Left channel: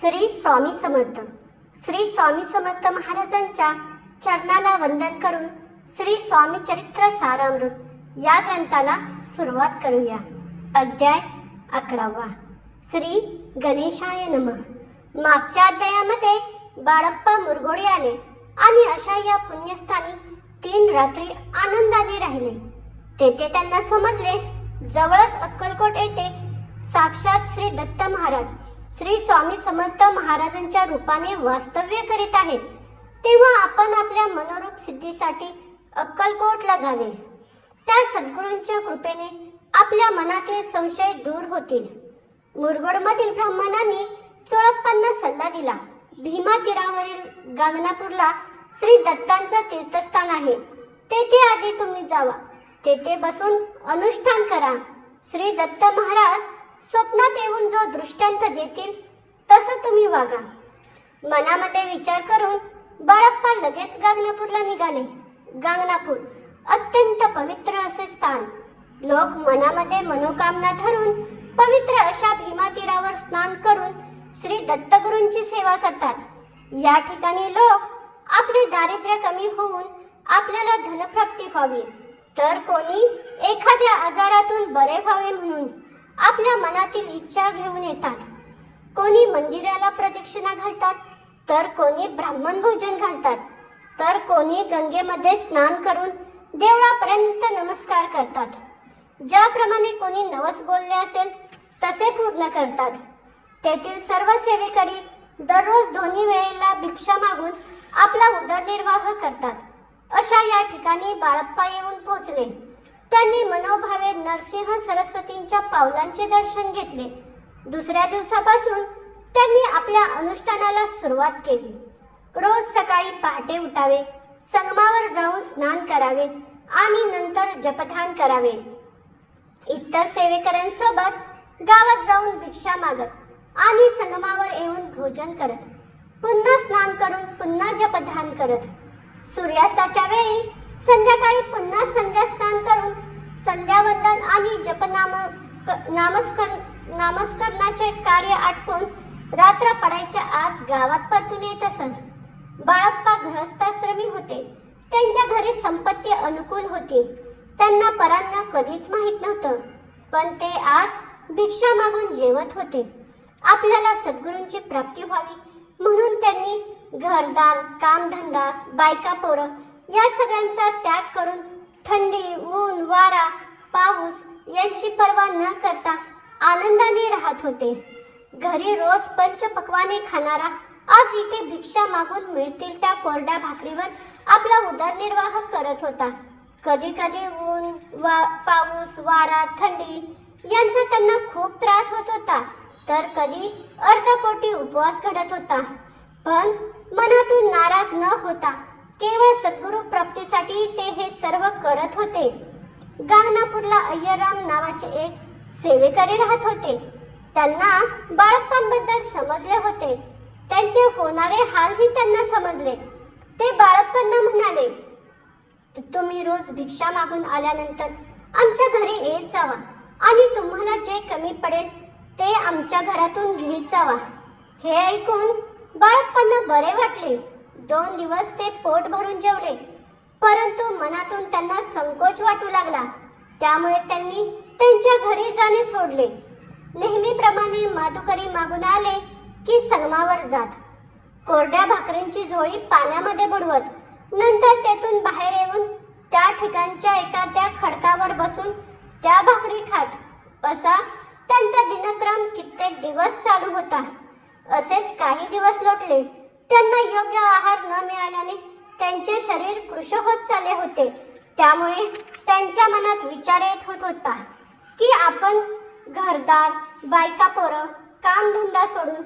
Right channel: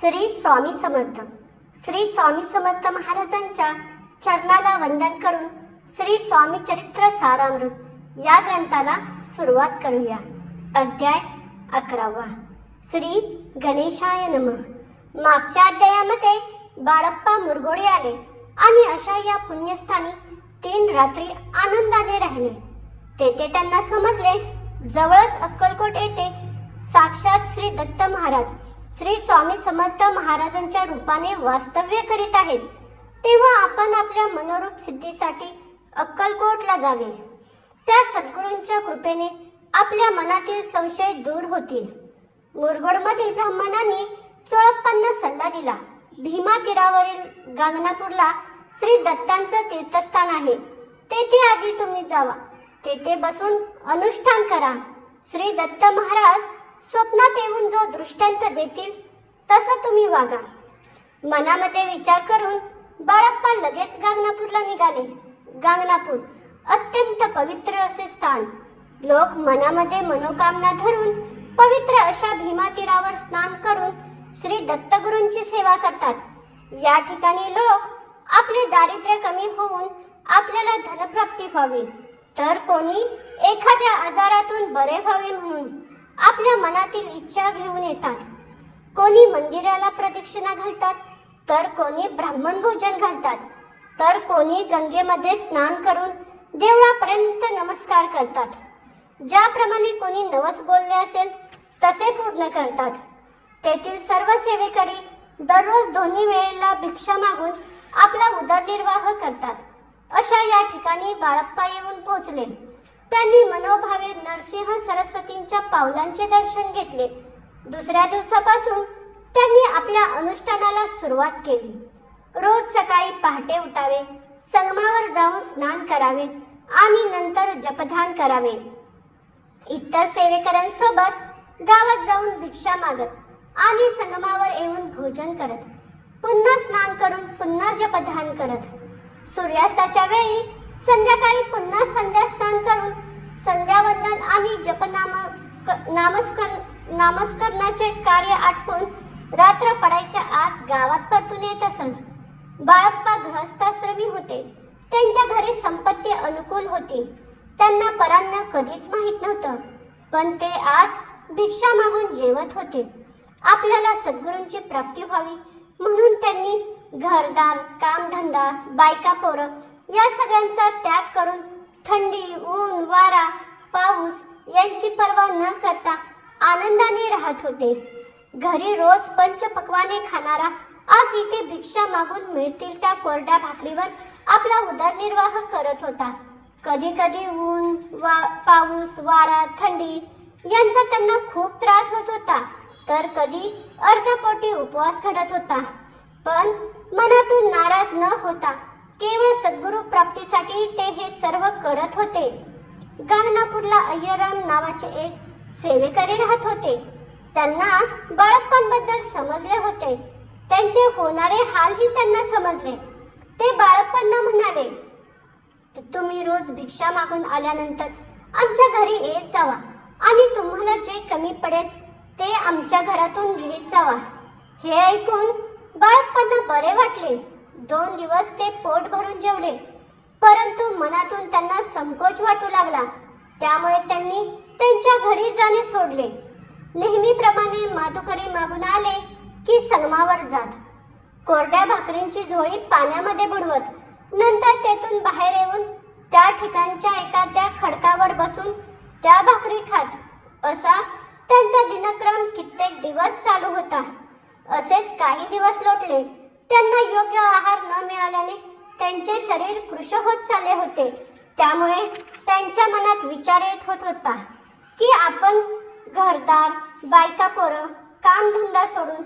श्री स्वामी समर्थ. श्री स्वामी समर्थ महाराजांच्या चरणाला वंदन करून श्री स्वामी चरित्र सारामृत या ग्रंथाला सुरुवात करूया. अध्याय 11. श्री गणेशाय नमः. मागच्या अध्यायामध्ये बाळप्पा मुरगोडे आले आणि अशा या पुण्यस्थानी 3 रात्री आनंदाने राहिले. तेथे त्यांना समजले जवळच अक्कलकोट येथे साक्षात श्री दत्त महाराज श्री स्वामी समर्थ महाराजांच्या रूपाने वास्तव्य करीत आहेत. तेव्हा आपण आपल्या मनोरूप सिद्धीसाठी अक्कलकोटला जावे. त्या सद्गुरूंच्या कृपेने आपल्या मनातील संशय दूर होतील. मुरगोडमधील ब्राह्मणांनी चोळप्पांना सल्ला दिला. भीमा तीरावरील गांगनापूरला श्री दत्तांचं तीर्थस्थान आहे. तेथे आधी तुम्ही जावा. तेथे बसून अनुष्ठान करा. श्री दत्त महाराज स्वप्नात येऊन जो दृष्टांत देतील तसं तुम्ही वागा. मनामध्ये विचार करून बाळप्पा लगेच गांगनापूरला निघाले. गांगनापूर अत्यंत पवित्र असे स्थान. लोक मनामध्ये मनोकामना धरून पवित्र अशा भीमा तीरावर स्नान करून श्री दत्तगुरूंची सेवा करतात. या ठिकाणी लोक आपले दारिद्र्य कमी होऊन आपल्याला धनप्राप्ती व्हावी, तर कोणी एखाद्या आजारातून बरे व्हावे म्हणून आपल्या मनातील इच्छा घेऊन येतात. कोणी मंदिराला प्रदक्षिणा घालतात, तर कोणी ब्राह्मण भोजन घालतात, तर कोणी गंगेमध्ये स्नान करून देवळापर्यंत नमस्कार करतात. ज्याप्रमाणे कोणी नवस बोलणे असेल तसे पूर्ण करतात. तेथील सर्व सेवेकरी दररोज दोन्ही वेळेला भिक्षा मागून आपला उदरनिर्वाह करतात. अशा या ठिकाणी बाळप्पा येऊन पोहोचले. त्यांनी मनोभावे नरसिंह सरस्वतींच्या पावलांचे दर्शन घेतले. दुसऱ्या दिवसापासून त्यांनी आपल्या अनुष्ठानाला सुरुवात केली. रोज सकाळी पहाटे उठावे, संगमावर जाऊन स्नान करावे आणि नंतर जपध्यान करावे. इतर सेवेकऱ्यांसोबत गावात जाऊन भिक्षा मागत आणि संगमावर येऊन भोजन करत, पुन्हा स्नान करून पुन्हा जपध्यान करत, सूर्यास्ताच्या वेळी संध्याकाळी पुन्हा संध्या स्नान करून संध्यावंदन आणि नामस्करणाचे कार्य आटपून रात्र पडायच्या आत गावात परतून येत असत. बाळप्पा गृहस्थाश्रमी होते. त्यांच्या घरी संपत्ती अनुकूल होती. त्यांना परांना कधीच माहीत नव्हतं, पण ते आज भिक्षा मागून जेवत होते. आपल्याला सद्गुरूंची प्राप्ती व्हावी म्हणून त्यांनी घरदार, कामधंदा, बायका पोरं या सगळ्यांचा त्याग करून थंडी, ऊन, वारा, पाऊस यांची पर्वा न करता आनंदाने राहत होते. घरी रोज पंचपक्वाने खाणारा आज इथे भिक्षा मागून मिळतील त्या कोरड्या भाकरीवर आपला उदरनिर्वाह करत होता. कधी कधी ऊन, पाऊस, वारा, थंडी यांचा त्यांना खूप त्रास होत होता, तर कधी अर्धपोटी उपवास घडत होता. पण मनातून नाराज न होता केवळ सद्गुरू प्राप्तीसाठी ते हे सर्व करत होते. गांगनापूरला अय्यराम नावाचे एक सेवेकरी राहत होते. त्यांना बाळप्पांबद्दल समजले होते. त्यांचे होणारे हालही त्यांना समजले. ते बाळप्पांना म्हणाले, तुम्ही रोज भिक्षा मागून आल्यानंतर आमच्या घरी येत जावा आणि तुम्हाला जे कमी पडेल ते आमच्या घरातून घेत जावा. हे ऐकून बाळप्पांना बरे वाटले. 2 दिवस ते पोट भरून जेवले, परंतु मनातून त्यांना संकोच वाटू लागला. त्यामुळे त्यांनी त्यांच्या घरी जाणे सोडले. नेहमीप्रमाणे माधुकरी मागून आले की संगमावर जात, कोरड्या भाकरींची झोळी पाण्यामध्ये बुडवत, नंतर तेथून बाहेर येऊन त्या ठिकाणच्या एखाद्या खडकावर बसून त्या भाकरी खात. असा त्यांचा दिनक्रम कित्येक दिवस चालू होता. असेच काही दिवस लोटले. त्यांना योग्य आहार न मिळाल्याने त्यांचे शरीर कृश होत चालले होते. त्यामुळे त्यांच्या मनात विचार येत होत होता की आपण घरदार, बायका पोरं, कामधंदा सोडून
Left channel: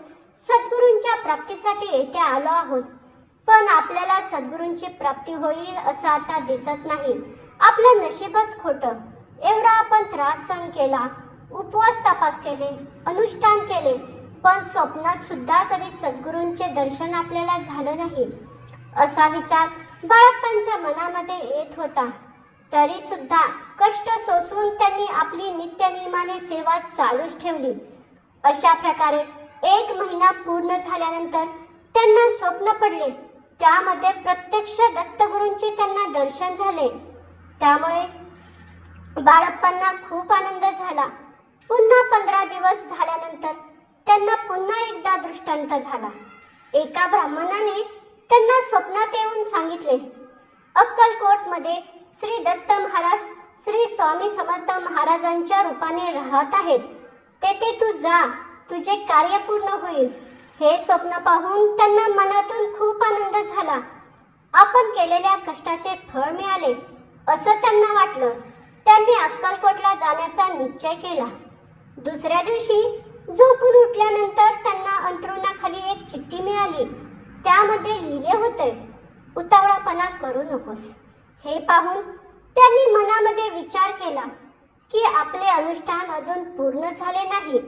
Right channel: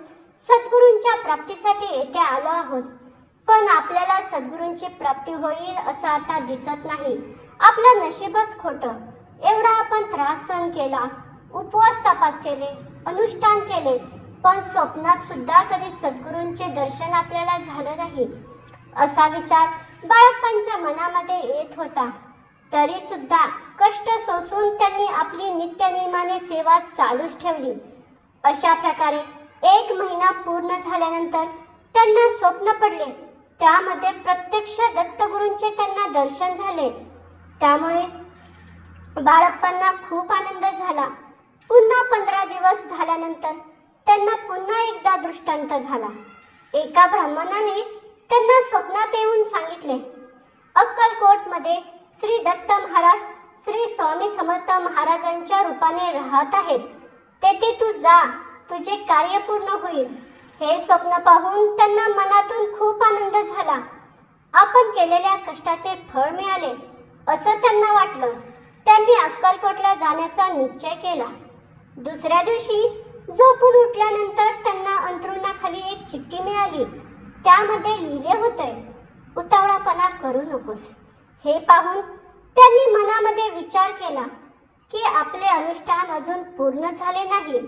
सद्गुरूंच्या प्राप्तीसाठी येथे आलो आहोत. पण आपल्याला सद्गुरूंची प्राप्ती होईल असं आता दिसत नाही. आपलं नशीबच खोटं. एवढा आपण त्रास सहन केला, उपवास तपास केले, अनुष्ठान केले, पण स्वप्नात सुद्धा कधी सद्गुरूंचे दर्शन आपल्याला झालं नाही. असा विचार बाळप्पांच्या मनामध्ये येत होता. तरी सुद्धा कष्ट सोसून त्यांनी आपली नित्यनियमाने सेवा चालूच ठेवली. अशा प्रकारे 1 महिना पूर्ण झाल्यानंतर त्यांना स्वप्न पडले. त्यामध्ये प्रत्यक्ष दत्तगुरूंचे त्यांना दर्शन झाले. त्यामुळे बाळप्पांना खूप आनंद झाला. पुन्हा 15 दिवस झाल्यानंतर त्यांना पुन्हा एकदा दृष्टांत झाला. एका ब्राह्मणाने त्यांना स्वप्नात येऊन सांगितले, अक्कलकोटमध्ये श्री दत्त महाराज श्री स्वामी समर्थ महाराजांच्या रूपाने राहत आहेत. तेथे तू जा, तुझे कार्य पूर्ण होईल. हे स्वप्न पाहून त्यांना मनातून खूप आनंद झाला. आपण केलेल्या कष्टाचे फळ मिळाले असं त्यांना वाटलं. त्यांनी अक्कलकोटला जाण्याचा निश्चय केला. दुसऱ्या दिवशी झोपून उठल्यानंतर त्यांना अंथरुणाखाली एक चिठ्ठी मिळाली. त्यामध्ये लिहिले होते, उतावळापणा करू नकोस. हे पाहून त्यांनी मनामध्ये विचार केला की आपले अनुष्ठान अजून पूर्ण झाले नाही.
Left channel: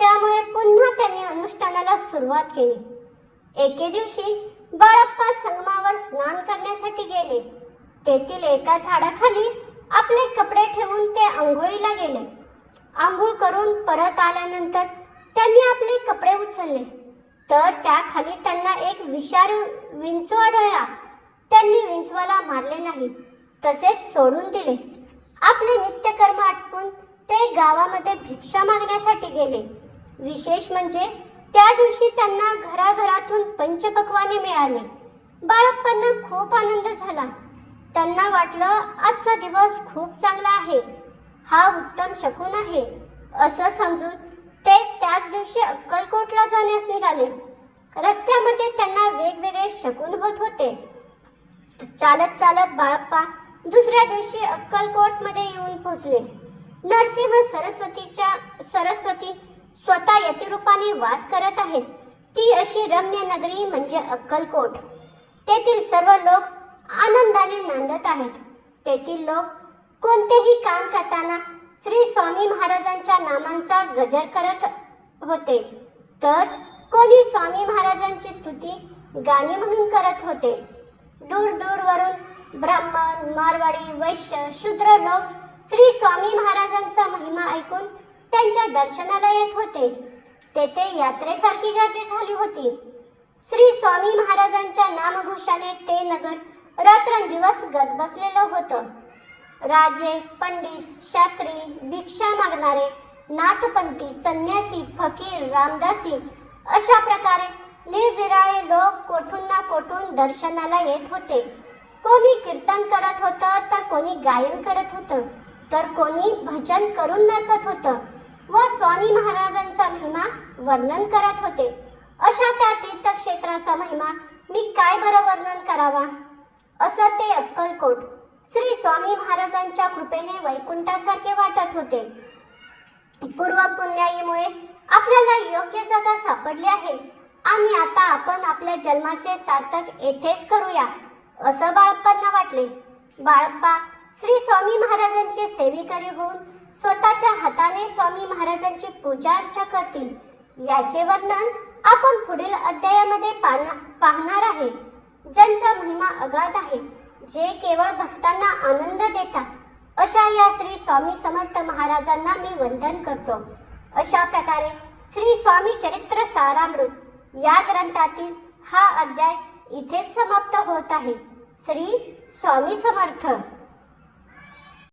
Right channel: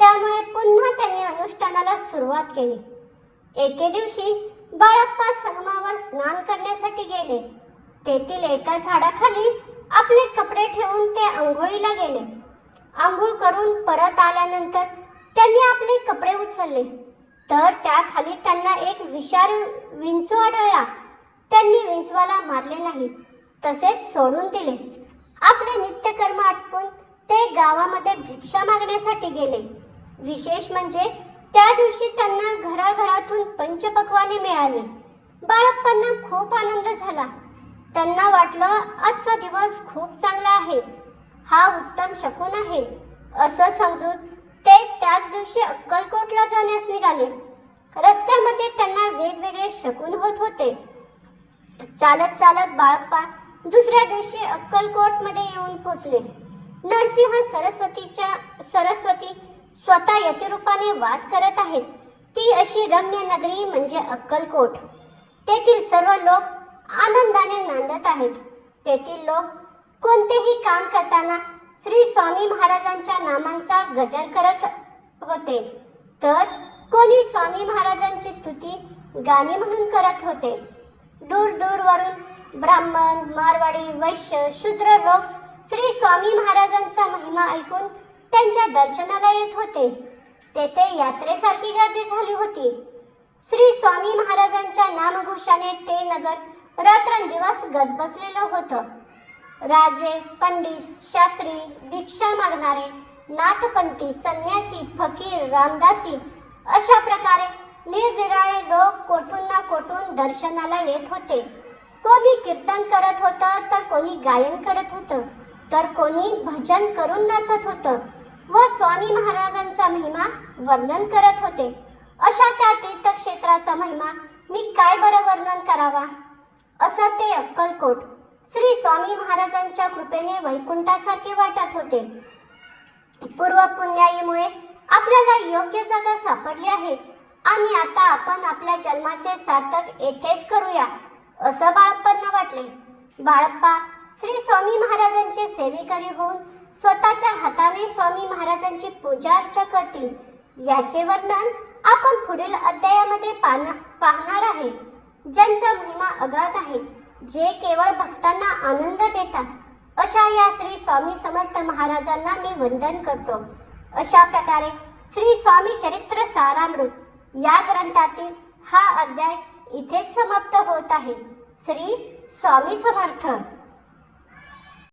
त्यामुळे पुन्हा त्यांनी अनुष्ठानाला सुरुवात केली. एके दिवशी बाळप्पा संगमावर स्नान करण्यासाठी गेले. तेथील एका झाडाखाली आपले कपडे ठेवून ते आंघोळीला गेले. आंघोळ करून परत आल्यानंतर त्यांनी आपले कपडे उचलले तर त्याखाली त्यांना एक विषारी विंचू आढळला. त्यांनी विंचवाला मारले नाही, तसेच सोडून दिले. आपले नित्यकर्म आटपून ते गावामध्ये भिक्षा मागण्यासाठी गेले. विशेष म्हणजे त्या दिवशी त्यांना घराघरातून पंचपक्वाने मिळाले. बाळप्पांना खूप आनंद झाला. त्यांना वाटलं आजचा दिवस खूप चांगला आहे, हा उत्तम शकुन आहे असं समजून ते त्याच दिवशी अक्कलकोटला जाण्यास निघाले. रस्त्यामध्ये त्यांना वेगवेगळे शकुन होत होते. चालत चालत बाळप्पा दुसऱ्या दिवशी अक्कलकोट मध्ये येऊन पोहोचले. नरसिंह सरस्वती स्वतः यतिरूपाने वास करत आहेत. ती अशी रम्य नगरी म्हणजे अक्कलकोट. तेथील सर्व लोक आनंदाने नांदत आहेत. तेथील लोक कोणतेही काम करताना श्री स्वामी महाराजांच्या नामांचा गजर करत होते, तर कोणी स्वामी महाराजांची स्तुती गाणी म्हणून करत होते. दूर दूरवरून ब्राह्मण, मारवाडी, वैश्य, शूद्र लोक श्री स्वामी महाराजांचा महिमा ऐकून त्यांच्या दर्शनाला येत होते. तेथे यात्रेसारखी गर्दी झाली होती. श्री स्वामी महाराजांच्या नामघोषाने ते नगर रात्रंदिवस गजबजलेलं होतं. राजे, पंडित, शास्त्री, भिक्षा मागणारे, नाथपंथी, संन्यासी, फकीर, रामदासी अशा प्रकारे निरनिराळे लोक कोठून ना कोठून दर्शनाला येत होते. कोणी कीर्तन करत होतं, तर कोणी गायन करत होतं, तर कोणी भजन करून नाचत होतं व स्वामी महाराजांचा महिमा वर्णन करत होते. अशा त्या तीर्थक्षेत्राचा महिमा मी काय बरं वर्णन करावा. असं ते अक्कलकोट श्री स्वामी महाराजांच्या कृपेने वैकुंठासारखे वाटत होते. पूर्व पुण्याईमुळे आपल्याला योग्य जागा सापडली आहे आणि आता आपण आपल्या जन्माचे सार्थक येथेच करूया असं बाळप्पांना वाटले. बाळप्पा श्री स्वामी महाराजांचे सेवेकरी होऊन स्वतःच्या हाताने स्वामी महाराजांची पूजा अर्चा करतील. याचे वर्णन आपण पुढील अध्यायामध्ये पाहणार आहे. ज्यांचा महिमा अगाध आहे, जे केवळ भक्तांना आनंद देतात, अशा या श्री स्वामी समर्थ महाराजांना मी वंदन करतो. अशा प्रकारे श्री स्वामी चरित्र सारामृत या ग्रंथातील हा अध्याय इथेच समाप्त होत आहे. श्री स्वामी समर्थ.